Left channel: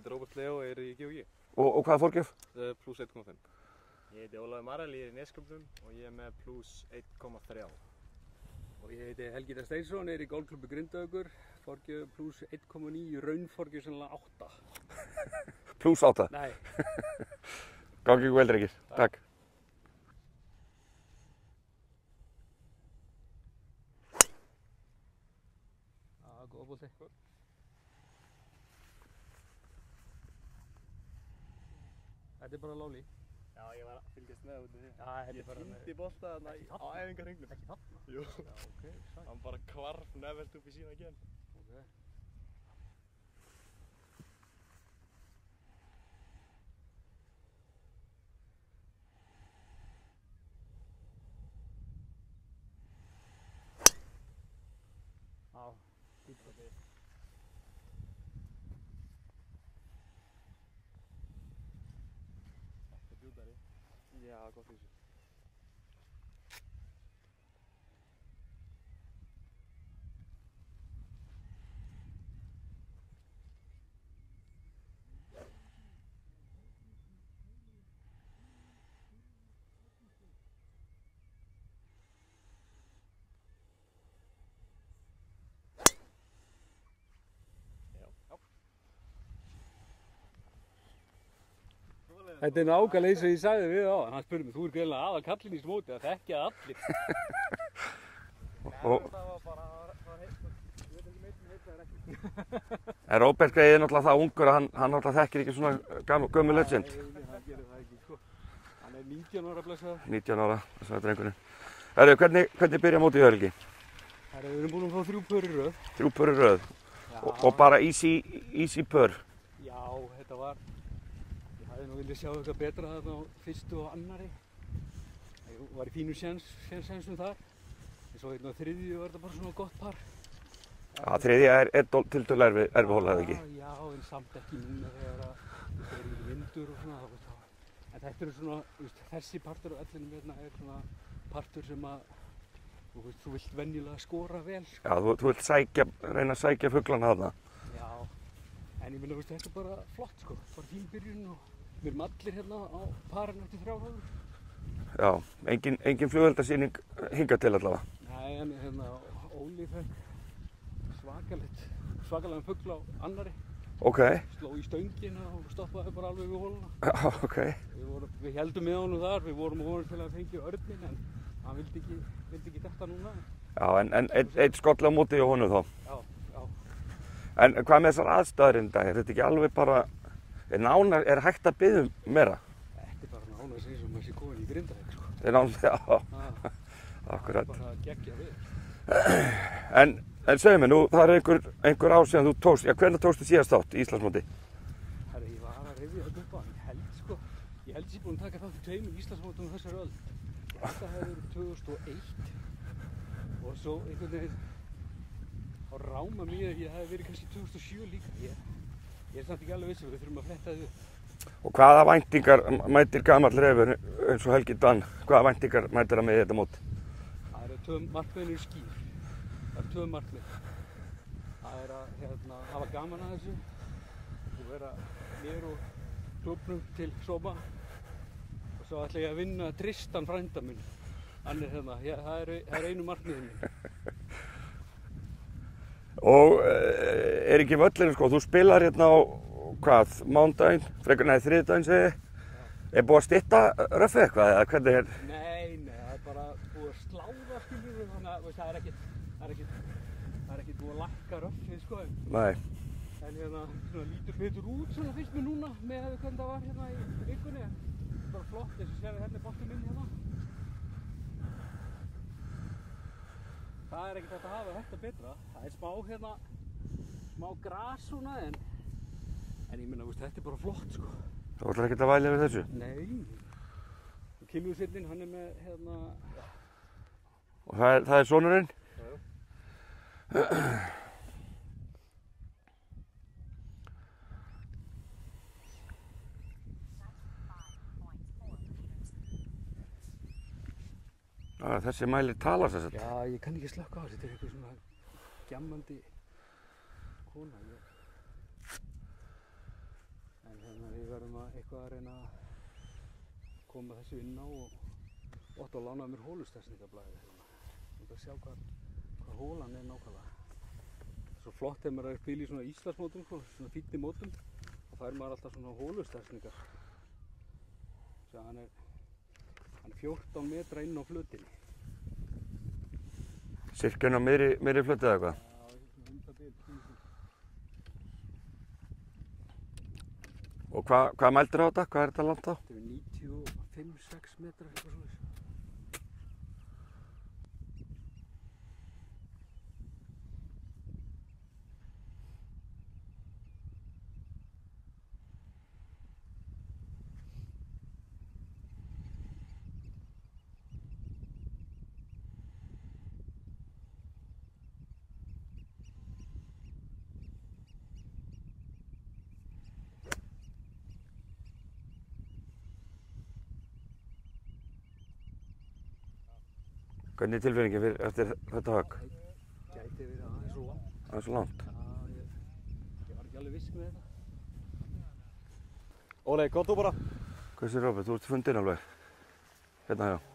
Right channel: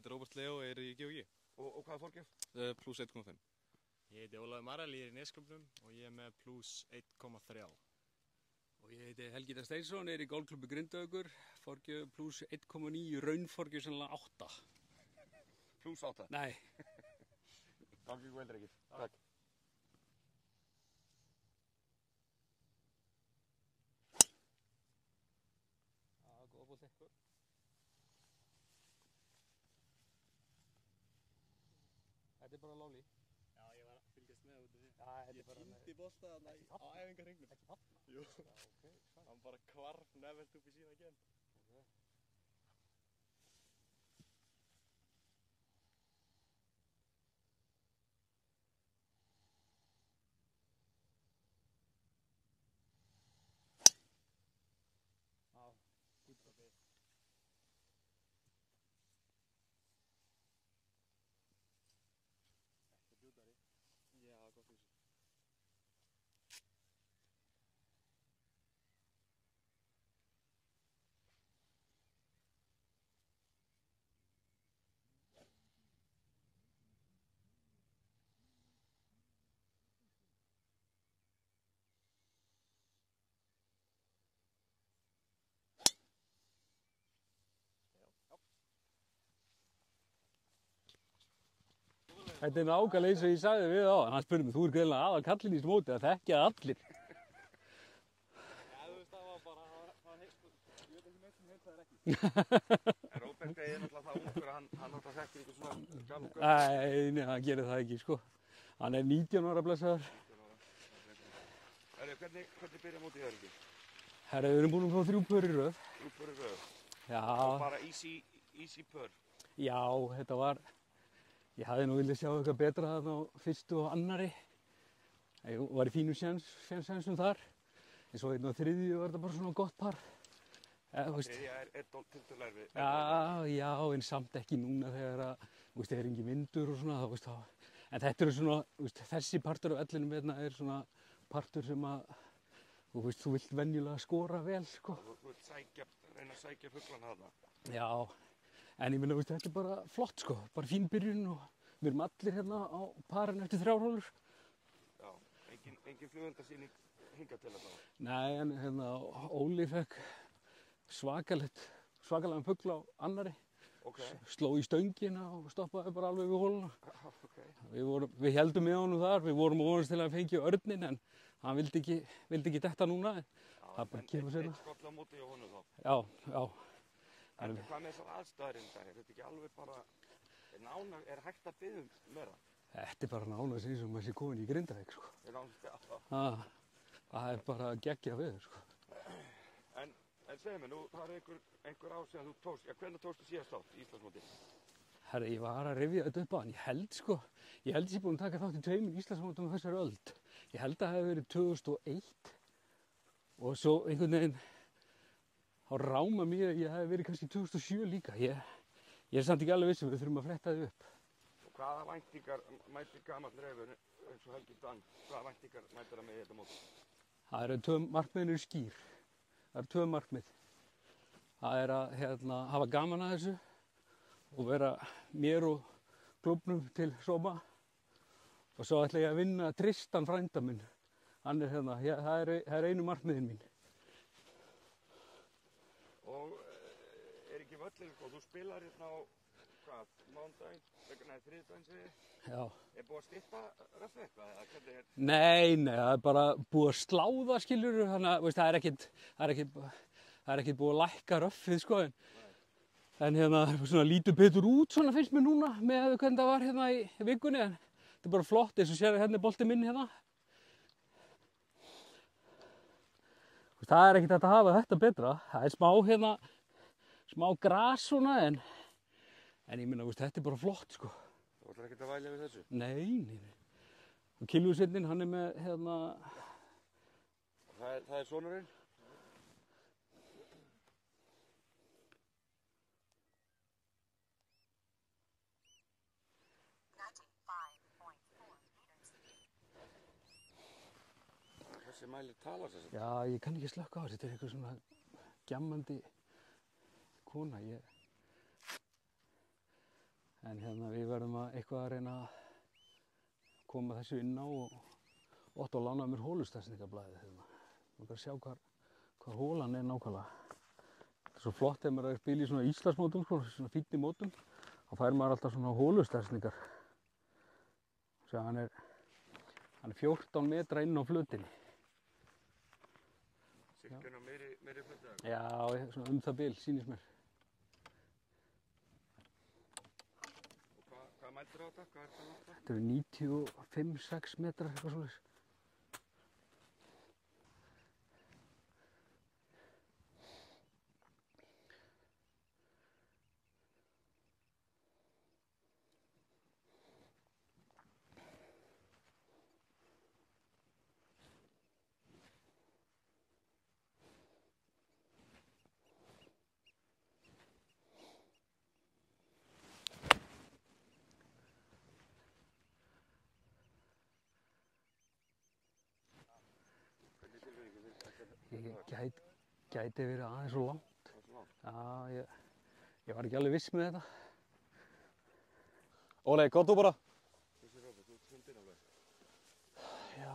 heiti Róbert Leo og er í GOG. Og hvaða fórgjöf? Plus 1,5. Ég heiti Ólafur Marel, ég er í Nesköpnum og ég er með plus 1,3. Og ég heiti Helgi Steinsson, er í golfklubbi Grindavíkur, forgjöf plus 1,9, raunforgjöf sennilega 8. Plus 8? Nei. Gangi ykkur vel, drengir. Takk. Já, góða bolti. Þetta er bara lóli. Já, ég var að fylgjast með út í því. Já, þetta er bara... Ég týndi bolta þarna á æfingarhringnum. Ekki þarna? Jú. Já, ok, sæl. Hann bara hvarf nefelt upp í sína gen. Ok. Já, fínt og við. Þetta er bjútari. Já, gott í þessu. Þetta er nákvæmlega eins og ég sagði við á. Hann spurði mig, þú er greinlega aðal kallinn í þessu móti, það þekkja allir. Og Það var bara, það var heitt, ég veit ekki veit það ekki. en Róbert Grey er náttúrulega það ungur að hann náttúrulega þekkir ekki svona gömul legend. Nei, hann gerir það ekki, sko. Hann er 19 ára blessaður. 19 ára, þess að drengurinn. Herru, hvernig byrja mótið hjá Helgi? Herra, við erum búin að fá 3 pör í röð. 3 pör í röð. Já. Og bara easy pör. Já, þetta var... Ég hafði nú viljað sjá eitthvað betra þarna á fyrstu og annari. Ég var í fínu sénsum þar. En svo hérna á þriðju var þetta bara svona gott par. Já, þriðja er tiltölulega erfið hóla, eða ekki? Já, en samt ekki núna þegar að, þú veist, það er engin vindur og svona, þú veist það. En þetta eru svona, þú veist, þessi partur af ellinum hérna er svona partur sem að, þú veist, þú vilt venjulega skora vel. Já, þú vilt reyna að sækja fuglana þarna. Já, en ég meina, þú veist, þetta er bara flott, sko. Bara fín byrjun og við erum allir hérna á parinu eftir 3 róður. Já, engin flugeldasýning hingað til allavega. Nei, en hérna, Óli fekk svakalega fugl á annari. Ok. Sló í stöngina og stoppaði bara alveg við hóluna. Já, ok. Við heldum með honum þar, við vorum að vonast til að fengja örninn en hann vildi ekki detta núna. Já, en eitt skoll á móti hjá honum þá. Já. En hvað með þessar aðstæður í dag? Er þetta ekki alveg bara, er hægt að biðja um meira? Þetta er bara nánast eins og maður sé komin í Grindavík, sko. Er nánast, já, Það akkurat. er bara geggja við. En segðu mér nú, það er einhver ár síðan þú tókst, já, hvernig tókstu síðast þátt í Íslandsmóti? Herra, ég var að rifja þetta upp á, ég held ég búinn að taka þátt í 2 Íslandsmótum á þessari öld. Ég held að það hefði verið 2001 og svo einhvern veginn á ráma mér að ég hefði verið kannski 2007 líka. Ég er samt ekki alveg viss, við þurfum að fletta þið upp. Og hvaða væntingar mætir gamall refur eins og Helgi Dan? Hvaða væntingar mætir það með í þetta mót? Það eru markmiðin eru skýr. Það eru 2 markmið. Það er að hafa gaman að þessu og vera mér og klúbbnum til sóma. Og svo ætla ég að vinna Tristan frænda minn. Hann er hérna, það er einu markmiðin mín. Og er ekki völlurinn, sko, þú spilar hérna á, hvað, mánudaginn, þriðjudaginn segi ég. Já. Er búið að stytta röffið eitthvað, eða hvernig er? Nei, það er bara búið að slá það, skilurðu, þannig að það er ekkert búið að lækka röffið, sko. Nei. En hérna, svona lítur betur út, svona finnst mér núna, með hvernig það var hérna í vikunni, en þetta er bara flott, eins og sér hérna er boltinn minn hérna. Það er ekkert hægt að hafa þetta betra. Það er smá gras svona, en ég meina, þetta er bara flott, sko. Þú ætlar ekkert að væla við þessu? Nei. Og Kilvísveinninn, hann er með, hérna... Og það er sonurinn? Já. Þessi mælir talar þess að. Já, ég kann ekki slökka á þessu, þetta er eitthvað svona gjammandi kona. Þannig að við verðum eitthvað að reyna að koma þessu inn á og Otto lánaði mér hólustafsningarblæði hérna. Ég bara sjá hvað hólan er nákvæmlega. Þetta er svo flott þegar maður er að spila í svona Íslandsmótum, sko, svona fínni mótum. Þá fær maður alltaf svona hólustafsningar. Sjá, hann er 14 metra inn á flötinni. Sirkjun á meiri flötu eða eitthvað? Já, svona það bil, sýnist mér. Og hvað mældir á þetta? Hvað er þetta langt á? Þetta eru 95-6 metrar, eitthvað svoleiðis. Hvernig er tilfinningin eftir þetta högg? Gæti verið aðeins svo langt. Aðeins svo langt? Já, ég var ekki alveg viss með þetta. Óli, góð þú bara. Hversu Róbert, þú ert fundinn alveg? Hérna hjá? Já,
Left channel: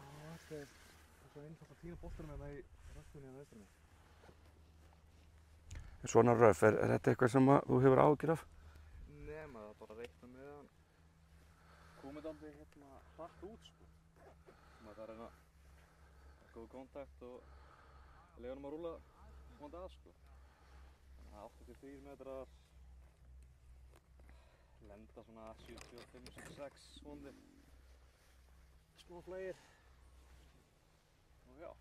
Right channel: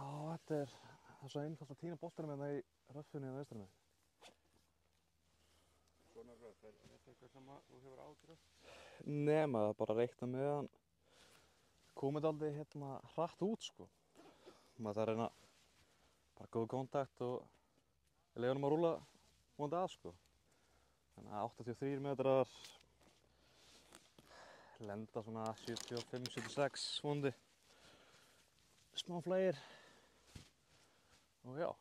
þetta er svo einfalt að týna boltanum hérna í röffunni á vestra megin. Svona röf, er þetta eitthvað sem þú hefur áhyggjur af? Nei, maður bara reikna með hann komið aldrei hérna hratt út, sko. Maður þarf að reyna bara góð kontakt og leiða honum að rúlla vonandi að, sko. Þannig að 83 metrar lenda svona 75-76 vonandi. Smá flægir og já.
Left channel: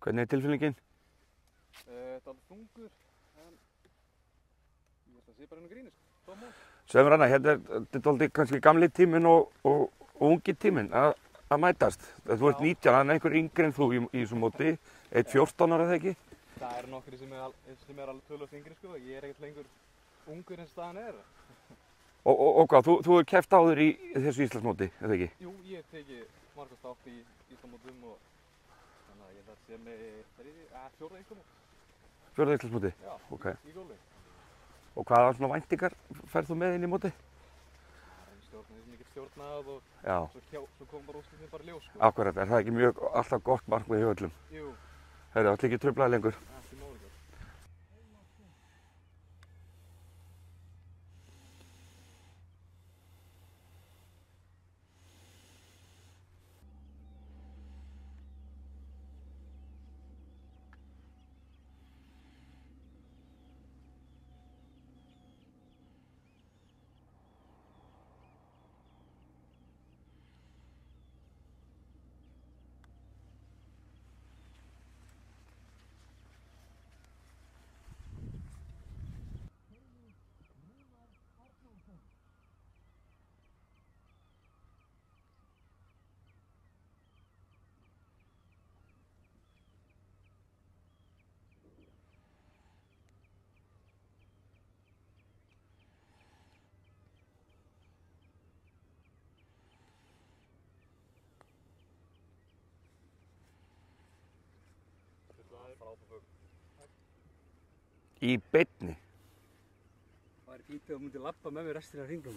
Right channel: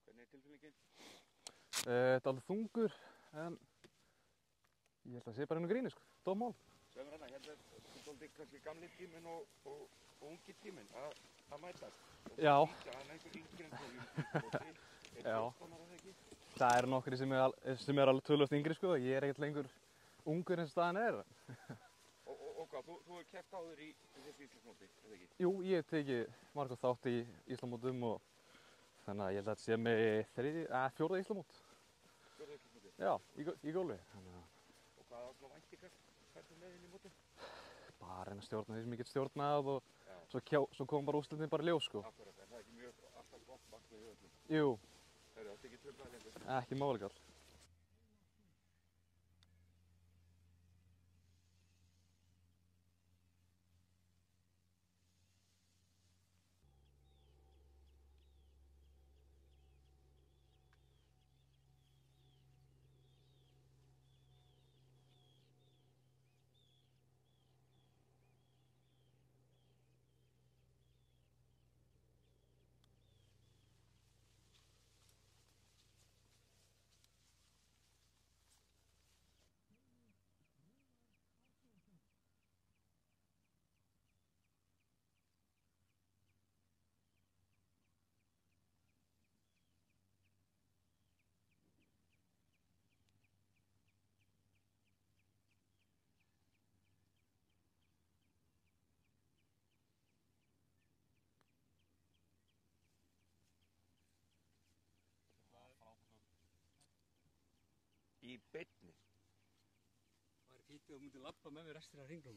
Hvernig er tilfinningin? Þetta er alveg þungur, en ég held að það sé bara einu gríni, sko. Dómál. Segðu mér annað, hérna er þetta kannski gamli tíminn og ungi tíminn að mætast. Þú ert 19, hann er einhver yngri en þú í þessu móti, 14 ára eða ekki? Það eru nokkri sem er alveg tölvöld yngri, sko. Ég er ekkert lengur ungur eins og staðan er. Og hvað, þú hefur keppt áður í þessu Íslandsmóti, eða ekki? Jú, ég hef tekið margótt þátt í Íslandsmótum og þannig að ég held að þetta sé með fjórða Íslandsmót. Fjórða Íslandsmóti? Já, okay. í golfi. Og hvaða svona væntingar ferð þú með inn í móti? Það reyna að stjórna því sem ég get stjórnað og svo kom bara úrslitin bara í ljós, sko. Akkurat, er það ekki alltaf gott markmið hjá öllum? Jú. Heyrðu, ætli ekki truflaði lengur? Ekki máleikar. Í beinni? Það er fínt að þú myndir labba með mér restina af hringnum.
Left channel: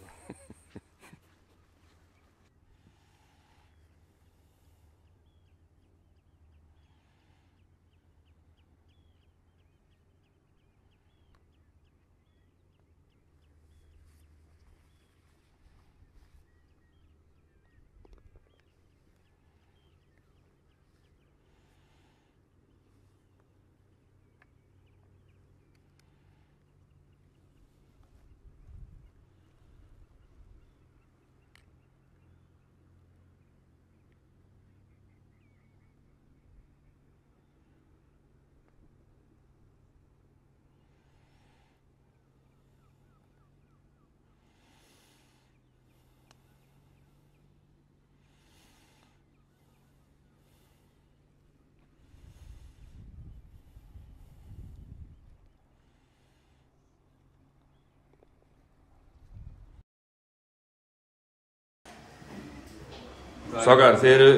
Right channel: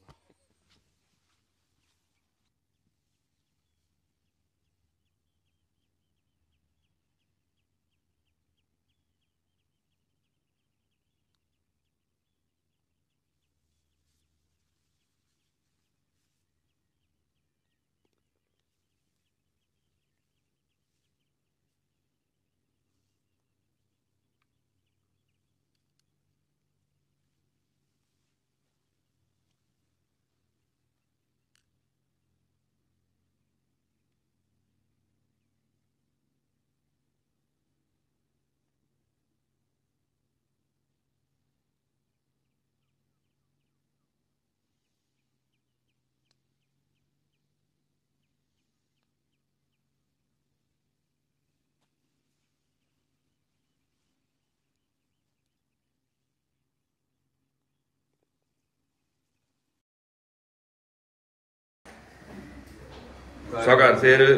Strákar, þið eru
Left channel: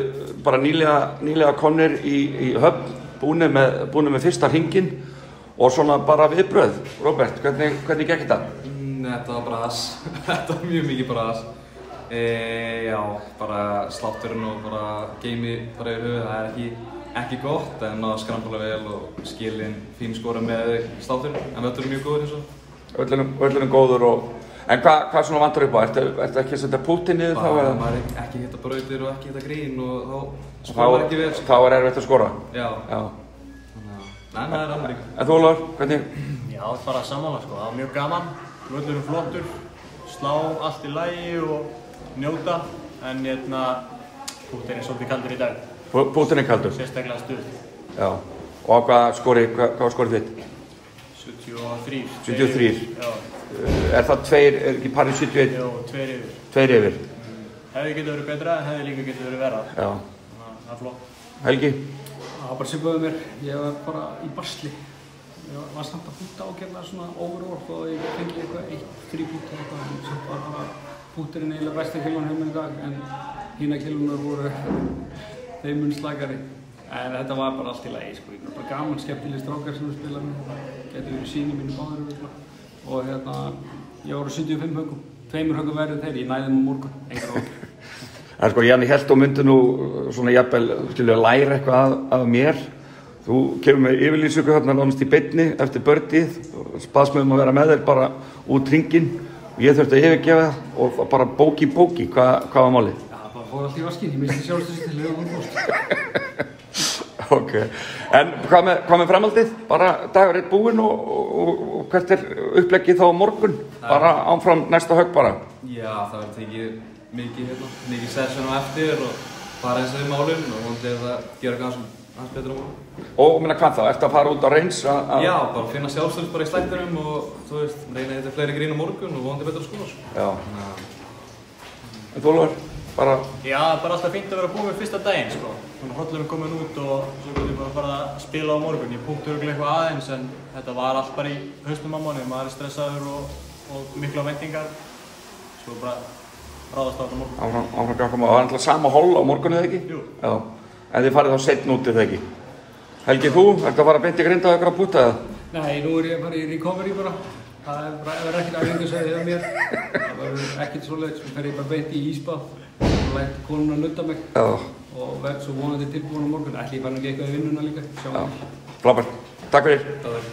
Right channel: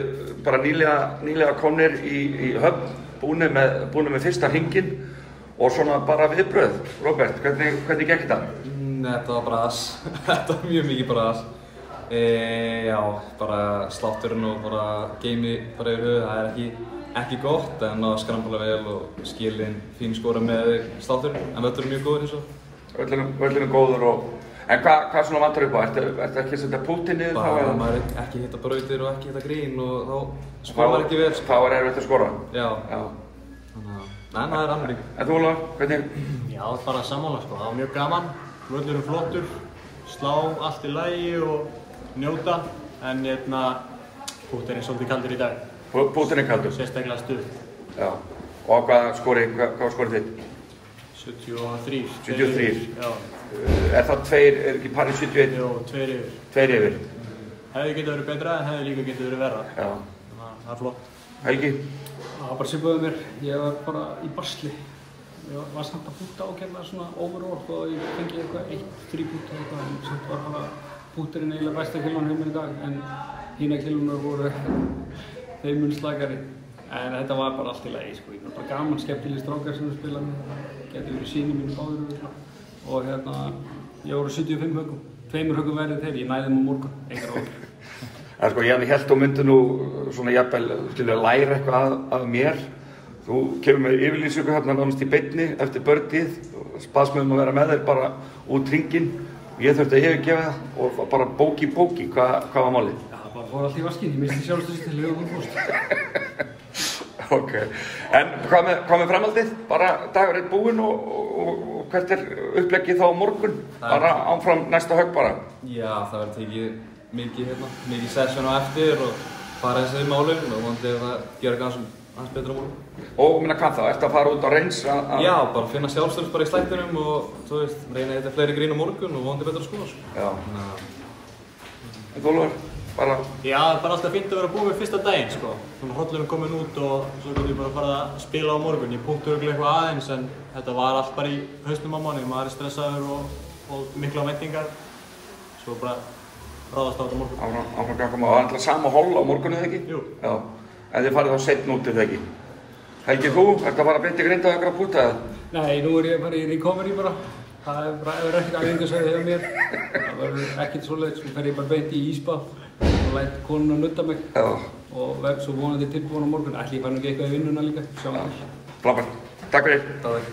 bara nýlega komnir í höfn, búnir með fyrsta hringinn og svona bara viðbrögð. Róbert, hvernig gekk þetta? Þetta var bara ass. Þetta var mjög mikið bara ass. Já, bara slátturinn og bara geimi bara yfir höfuð, það er ekki gott en að skrambla vel og skilin fín skora með slátturinn, en völlurinn mjög góður eins og. Völlurinn góður og... En hvað svona vantar upp á? Ertu ekki að setja púttinn niður þá? Bara að maður ekki hitta brautir og ekki hitta grín og þá skora maður ekki vel. Þá er erfitt að skora? Já. Þannig að, það er annað. En þú, Ólafur, hvernig? Já, bara sammála sko, það var mjög gaman, völlurinn flottur, slá allt í lagi og njóta, en pútturinn er svolítið kaldur í dag. Púttinn er kaldur? Sérstaklega stuð. Já. Og hvað skorið þitt? 73. 73? Já. Er það ekki parið 71? Jó, 2 yfir. 2 yfir? Hefði getið verið betra en hefði líka getið verið verra. Já. Þannig að það er flott. Helgi? Það var bara svipaði mér, ég var bara í basli. Ég var samt að púta ágætlega svona overall og ég fengi eitthvað 1-3 púta eitthvað en samt var bara púturinn eiginlega besta kilónu hjá mér í dag en hína kilónunar voru þeim mun slagari. En þetta var bara allt í lagi sko, ég var bara gaman, skemmtileg strákar sem við spilaði með, getur verið síni mínu báður og ég voru 75 höggum, 2 höggum verið þeir, ég næði á morgun, engar óður. En sko, Janni held og myndi nú svona jafnvel, skilur, að læra eitthvað af mér. Þú kemur með yfirlýsingu hérna nánast í beinni eftir bördið, baðst mig að vera með þér bara út hringinn. Ég þurfti að yfirgefa og bara bóki, hvað var málið? Já, bara fór allt í vaskinn, ég misti sjálfstöðstil, höfum úrbúst. Ok, en hvað með framhaldið? Bara dagur er búinn og hvert er uppleggið þá á morgun? Bara áfram næsta högg bara? Já, það verður tekið mikið session á eftir og fara eins og í málinn og vonandi það gera aðeins betur á morgun. Og hvað þá? Ertu að fara út á reyns? Já, bara finna sjálfstöðs bara í slættinum og þú veist, reyna að hitta fleiri grín á morgun og vonandi betur að skora sko. Já. En þú, Ólafur? Bara... Já, bara alltaf fínt að vera búið með fyrsta daginn sko. Þannig hrollurinn komin út og svo getum við bara að fara að spila á morgun. Ég punkti örugglega eitthvað aðeins en þetta var allt bara í hausnum á manni. Maður er stressaður og mikla væntingar. Svo bara ráðast á þetta morgun. Áfram ganga maður. Það var alltaf sama hól á morgun eða ekki? Jú. Já. En þið farið þá seinna út eða ekki? Helgi, þú? Ertu að fara að beint í Grindavík að púta eða? Nei, nú er ég bara í recovery bara. Það verður ekkert æfingasvæði hjá mér. Það verður ekkert svoleiðis. Svo fer ég bara beint í ísbað og læt konuna nutta mig. Já. Og verð svo vonandi tilbúin á morgun. Ætli ég fara nú ekki eitthvað í vinnuna líka. Sjáum við. Frábært. Takk fyrir. Það er